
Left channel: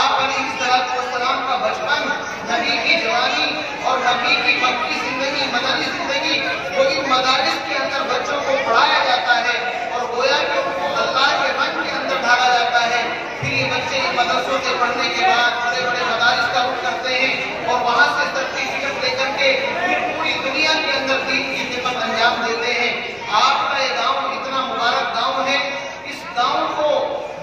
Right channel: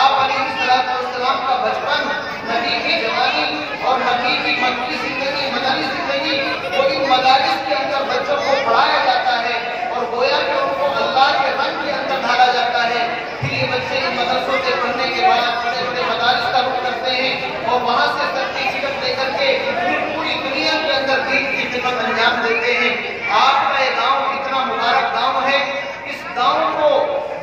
آپ علیہ السلام کا بچپن، نبی کی جوانی اور نبی کی مکی زندگی، مدنی زندگی، وہ ان مدارس کے اندر بچوں کو پڑھایا جاتا ہے اور گویا کہ ان کو اللہ کے رنگ کے اندر ڈھالا جاتا ہے. پھر یہ بچے ان مدرسوں سے پڑھنے کے بعد بڑے بڑے مدارس کا رخ کرتے ہیں اور وہاں سے سرٹیفکیٹ لے کر کے پھر پوری دنیا کے اندر دین کی خدمت انجام دیتے ہیں. آپ کا یہ گاؤں اتنا مبارک گاؤں ہے. اس گاؤں کو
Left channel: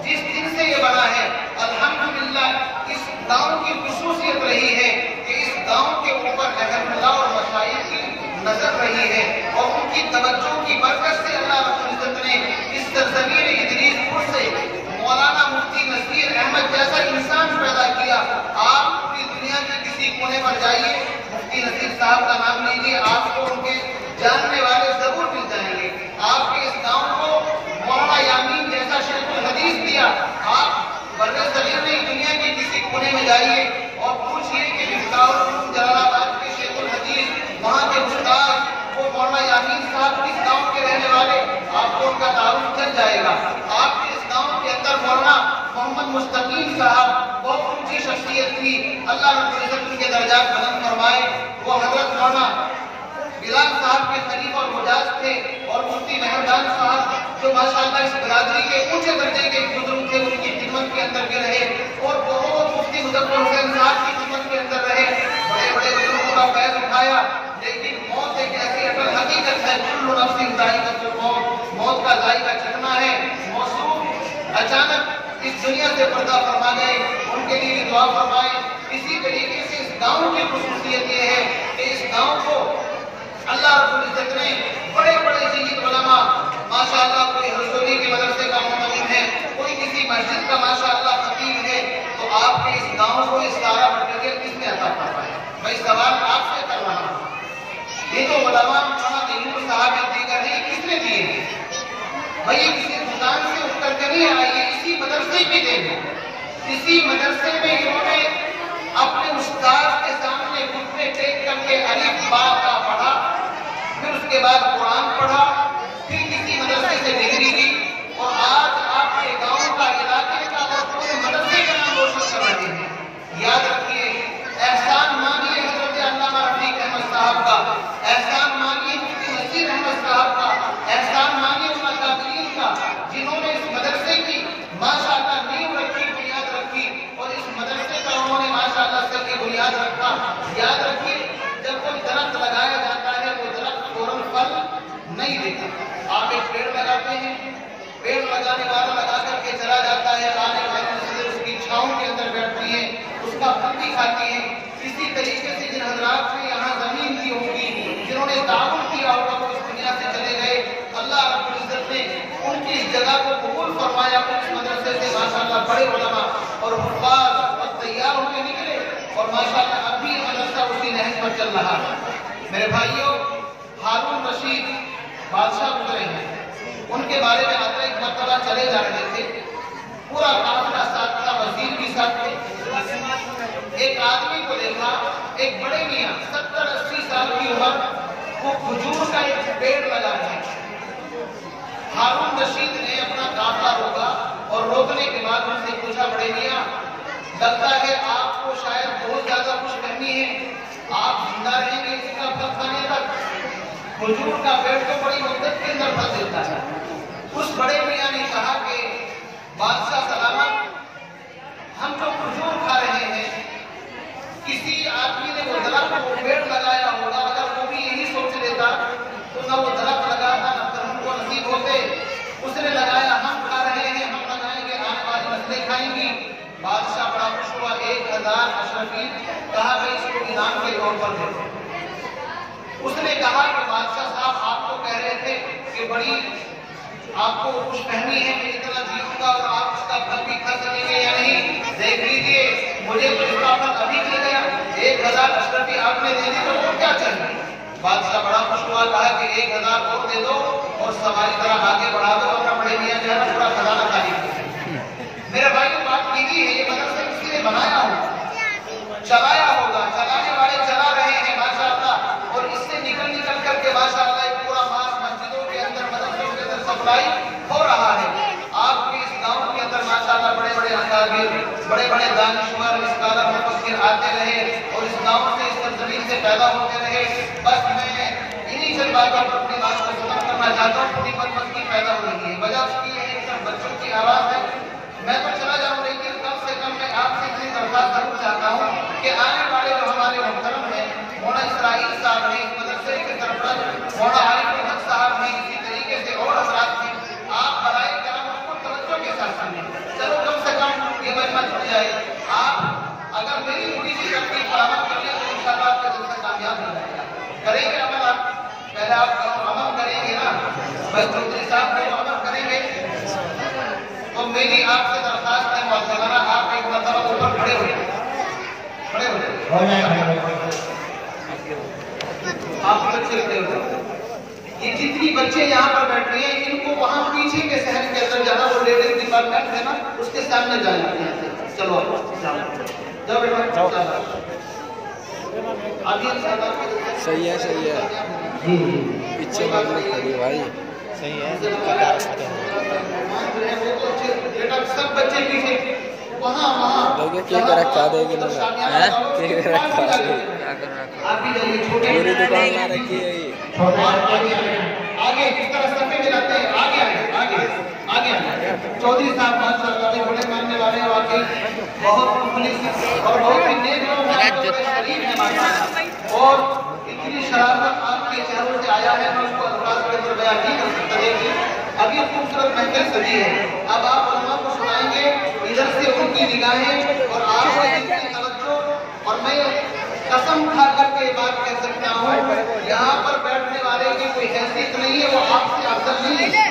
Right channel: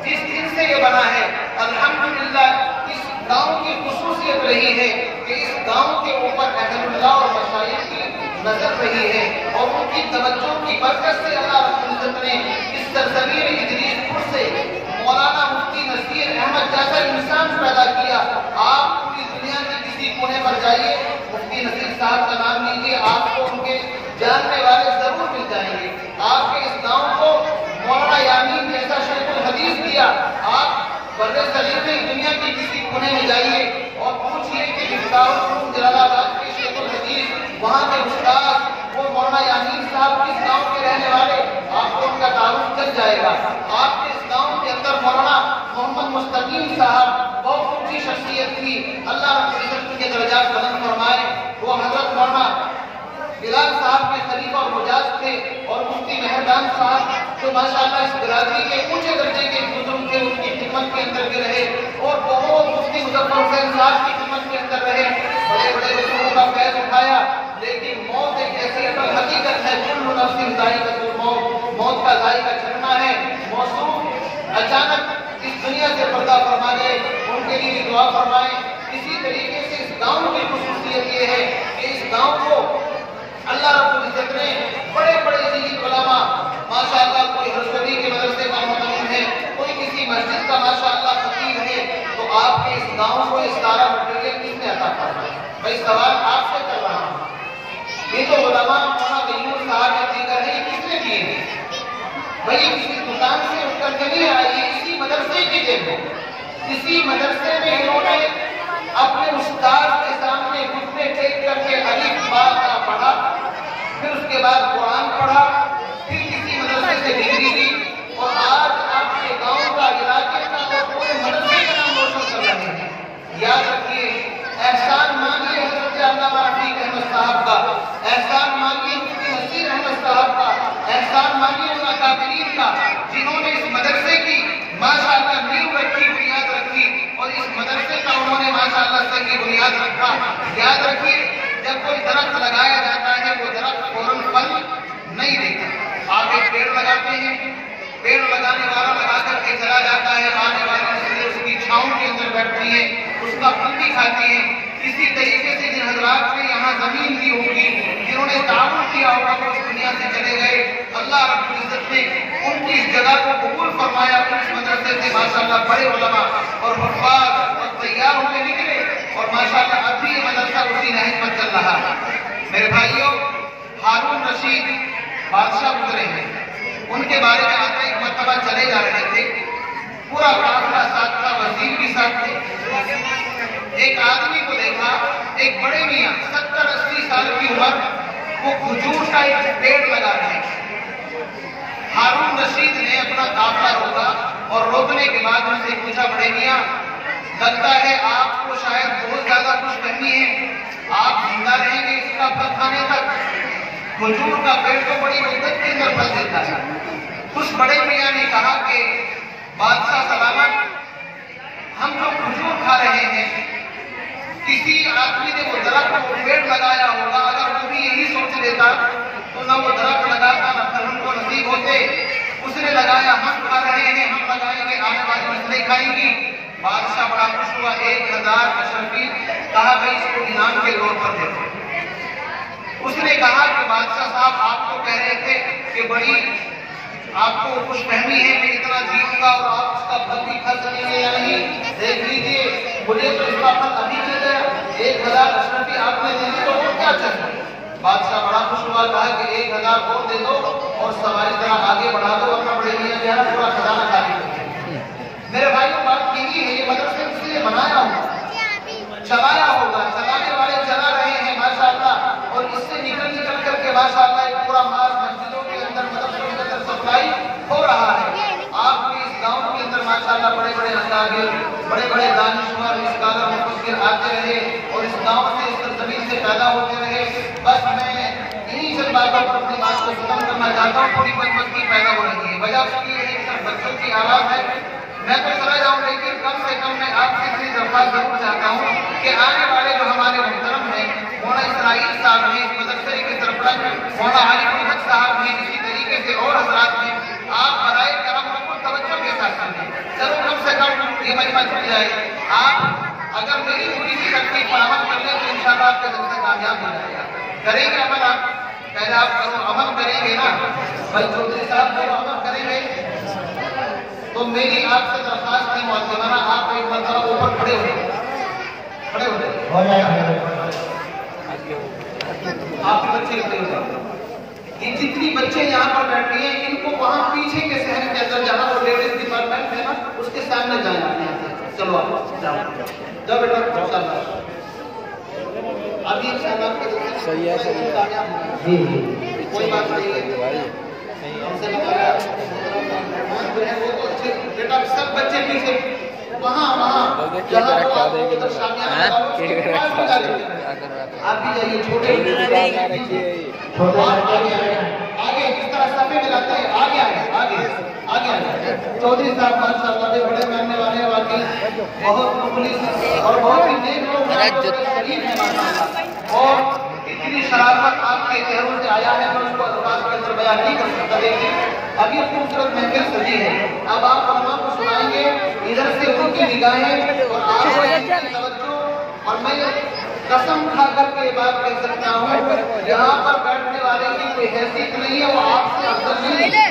جس دن سے یہ بنا ہے الحمدللہ اس گاؤں کی خصوصیت رہی ہے کہ اس گاؤں کے اوپر اہل اللہ اور مشائخ کی نظر رہی ہے اور ان کی توجہ کی برکت سے اللہ رب العزت نے اس سرزمین ادریس پور سے مولانا مفتی نصیر احمد جیسا انسان پیدا کیا. آپ پوری دنیا کے کسی کونے پر جائیے، مفتی نصیر صاحب کا نام لیجیے، آپ کو ان کے جاننے والے ضرور مل جائیں گے. آپ کے اس گاؤں کو مولانا یامین جیسا شیخ الحدیث دیا. آپ برے صغیر میں دنیا کے کسی کونے میں جائیے اور پوچھئے کہ مفتاح جلال آباد کے شیخ الحدیث، وہاں کے استاد وہ مولانا یامین صاحب کس گاؤں کے رہنے والے، آپ کو ان کا تعارف چل جائے گا. آپ کے اس گاؤں کے اندر مولانا محمد مستقیم صاحب بہت اونچی شخصیت تھی، اللہ رب العزت ان کے درجات بلند فرمائے. وہ حضرت مولانا بلال صاحب کے خلیفہ اور مجاز تھے اور مفتی مہربان صاحب جو ماشاءاللہ اس برادری کے اونچے درجے کے بزرگ تھے، ان کی خدمت کے اندر کے رہے اور بہت مفتی مظفر حسین صاحب کی خدمت کے اندر رہے. بڑے بڑے بزرگوں کا فیض اٹھایا. لیکن موت ایک ایسی اٹل حقیقت ہے، کل نفس ذائقۃ الموت، موت کا ذائقہ چکھنا ہے. موصوف اچانک اس دنیا سے پردہ فرما گئے، ان کے لیے بھی دعا فرمائیں. اسی طریقے سے اس گاؤں کی خصوصیت یہ ہے کہ اس گاؤں کو اللہ رب العزت نے بڑے بڑے جلیل علماء، ماشاءاللہ کوئی رسولی کے مدرسے کا معلم ہے، کوئی کسی مسجد کا ماشاءاللہ خطیب ہے. تو آپ کے اس گاؤں کو اس سارا مٹیریل کس نے عطا کیا؟ بھائی سوال آپ سے کر رہا ہوں. بھائی کسی دکان سے اٹھ کر کے نہیں آئی، اسی مدرسے کی دین ہے۔ اسی مدرسے میں انہوں نے اپنے استاد کے سامنے گھٹنے ٹیک کر کے الف با تا پڑھا، پھر اس کے بعد قرآن پڑھا، پھر کسی مدرسے سے ڈگری لی، اور آج آپ کے گاؤں کا، علاقے کا اور پورے مدرسے کا نام روشن کر رہے ہیں۔ یاد رکھیے، احسان مانیے حضرت علامہ رفیق احمد صاحب کا، احسان مانیے مفتی نصیر احمد صاحب کا، احسان مانیے ان اکابرین کا، جنہوں نے اس مدرسے کی ماشاءاللہ نیو رکھی، بنیاد رکھی، اور اس مدرسے کا انہوں نے ماشاءاللہ سے کی بنیاد رکھا۔ یاد رکھیے، جب کوئی درخت لگایا جاتا ہے وہ درخت فوراً پھل نہیں دیتا۔ آپ ایک پیڑ لگاتے ہیں، پیڑ لگانے والا لگا کر کے چلا جاتا ہے، آنے والی نسلیں اس کی چھاؤں کے اندر بیٹھتی ہیں، اس کا پھل بھی کھاتی ہیں۔ اسی طریقے سے جن حضرات نے یہاں زمین دی ہوگی، جنہوں نے تعاون کیا ہوگا، وہ اس دنیا سے چلے گئے، اللہ رب العزت نے ان کی اس جگہ کو قبول فرمایا، اس مدرسے سے ماشاءاللہ بڑے علماء اور حفاظ اور تیار ہو کے نکلے، اور ماشاءاللہ اب بھی یہ مدرسہ اسی نہج پر چل رہا ہے۔ میرے بھائیوں، ہارون رشید بادشاہ گزرے ہیں، ان کے بارے میں آتا ہے ایک مرتبہ چلے جا رہے تھے، پورا قافلہ ساتھ تھا، وزیر بھی ساتھ تھے۔ ایک آدمی کو دیکھا، ایک بڑے میاں 70-80 سال کی عمر، وہ کھجور کا ایک پیڑ لگا رہے ہیں۔ ہارون رشید نے اپنا قافلہ روکا، اور روکنے کے بعد ان سے پوچھا، بڑے میاں لگتا ہے آپ کو شاید بہت زیادہ کچھ کرنی ہے، آپ زندہ رہیں گے اس کا پھل کھانے تک؟ کھجور کا پیڑ تو بڑی مدت کے اندر پھل دیتا ہے۔ اس بڑے میاں نے کہا کہ بادشاہ سلامت، ہم جو کھجور کھا رہے ہیں، کسی آدمی نے وہ درخت کو پیڑ لگایا ہوگا، اگر وہ بھی یہی سوچ لیتا تو نہ وہ درخت لگاتا نہ پھل ہم کو نصیب ہوتے۔ اس نے لگایا، ہم کھا رہے ہیں، ہم لگائیں گے، آنے والی نسلیں کھائیں گی۔ بادشاہ بڑا خوش ہوا، 1000 اشرفی، کہا بھائی اس کو انعام کے طور پر دے دو۔ اس نے کہا کہ بادشاہ صاحب آپ تو کہہ رہے تھے کہ بڑی آپ کو خوش فہمی ہے کہ اتنا جیتوں گا اور آپ اس کا پھل بھی کھا سکیں گے یا نہیں؟ دیکھ لیجئے، مجھے تو اس کا پھل ابھی مل گیا، 1000 اشرفی آپ نے دے دی تو وہ کیا چاہیے؟ بادشاہ بڑا خوش ہوا، کہا کہ 1000 اور دے دو اور سواری طرح آگے بڑھا دو، ورنہ بڑے میاں جو ہے نا پورا خزانہ خالی کر دیں۔ میرے بھائیوں، بات یہی ہے، یہ مدرسے کسی نے بنایا ہوگا، چلایا ہوگا، چلانے والے چلا رہے ہیں ماشاءاللہ، اور اس سے نکل کر کے ماشاءاللہ ایک پورا مال مسجدوں کے اندر، مدرسوں کے اندر سپلائی ہو رہا ہے۔ آپ کے اس گاؤں کے اندر ماشاءاللہ بڑے بڑے اکابر، بڑے بڑے دانشور، اسکالر، مفسر آتے رہے، اور اس گاؤں سے، اس سرزمین سے پیدا ہوتے رہے۔ بس میں انہی چند باتوں پر اپنی بات کو ختم کرنا چاہتا ہوں۔ پوری بدبختی پیدا ہو رہی ہے، وجہ اس کی یہ ہے کہ بچوں کی آواز ہے۔ میں تو چلا جاؤں، لیکن کم سے کم میں آپ سے اتنی درخواست ضرور چاہتا ہوں کہ آنے والے جو ہمارے محترم ہیں، مولانا اسرائیل صاحب ہیں، اس مدرسے کے سربراہ مولانا علی الحق صاحب ہیں، اسی طریقے سے اور حضرات ہیں، آپ برائے کرم ان کو توجہ کے ساتھ سنیں، چلو کم سے کم یہ مجمع چھٹ جائے۔ آپ اگر میری پوری ترتیب پر عمل کر لیں تو انشاءاللہ آپ کے دل سے کامیاب ہو جائے گا۔ کریں گے عمل؟ آپ پہلے آپ کرو، عمل کریں گے نا؟ بھائی چودھری صاحب جو عمل کریں گے تو میری آپ سے درخواست ہے معذرانہ، آپ ایک مرتبہ اوپر کھڑے ہو جائیں، کھڑے ہو جائیں، آپ کے بچے کھڑے ہو جائیں۔ یہ جتنی بچے یہاں پر بیٹھے ہیں، ان کو وہاں پیچھے کے صحن کے اندر جہاں وہ لیڈیز ڈپارٹمنٹ ہے نا، اس کے سامنے جائیں آپ یہاں سے۔ چلو آپ جاؤ جاؤ بیٹا، ابھی صحیح ہے، صحیح ہے، پیچھے بات نہیں کریے بھائی، صحیح ہے۔ سب بچے پیچھے وہاں کیا کر رکھا دے گی کیا کر رکھا آپ بھی جائیے، چھوٹے پوری دکان نہ رکھی ہے آگے جس طرح سبے ملاتے ہیں، آگے آئے، آگے آئے۔ چودھری صاحب ماشاءاللہ بڑے ماننے والے ہیں، واقعی بہت پولیس اور بہت ہی نیک لوگ ہیں، اور اتنی شرافت آپ کے چہروں سے آیا ہے، میں اس کو الفاظ کے اندر بیان نہیں کر سکتا۔ لیکن ابھی خوبصورت محفل سجی ہے، اب آپ علماء کو سنائیں گے، ادھر سے ان کی نگاہیں اور آپ سے ان کی توجہ، اور میں قسم کھا کر کے یہ بات کہہ سکتا ہوں، یہاں پر بیٹھنے والے کی کوئی حیثیت نہیں ہے، وہ آپ سے افضل نہیں ہے۔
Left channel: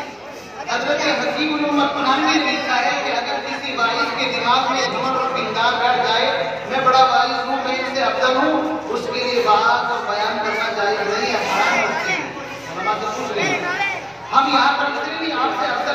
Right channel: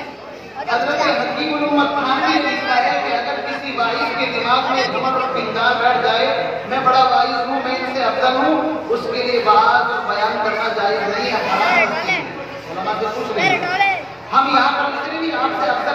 حضرت حکیم الامت خانوی نے لکھا ہے کہ اگر کسی واعظ کے دماغ میں عمر اور مقدار بیٹھ جائے، میں بڑا واعظ ہوں، میں ان سے افضل ہوں، اس کے لیے بات اور بیان کرنا جائز نہیں ہے، حرام ہے۔ علماء سے پوچھ رہے ہیں، ہم یہاں پر اس لیے بھی آپ سے افضل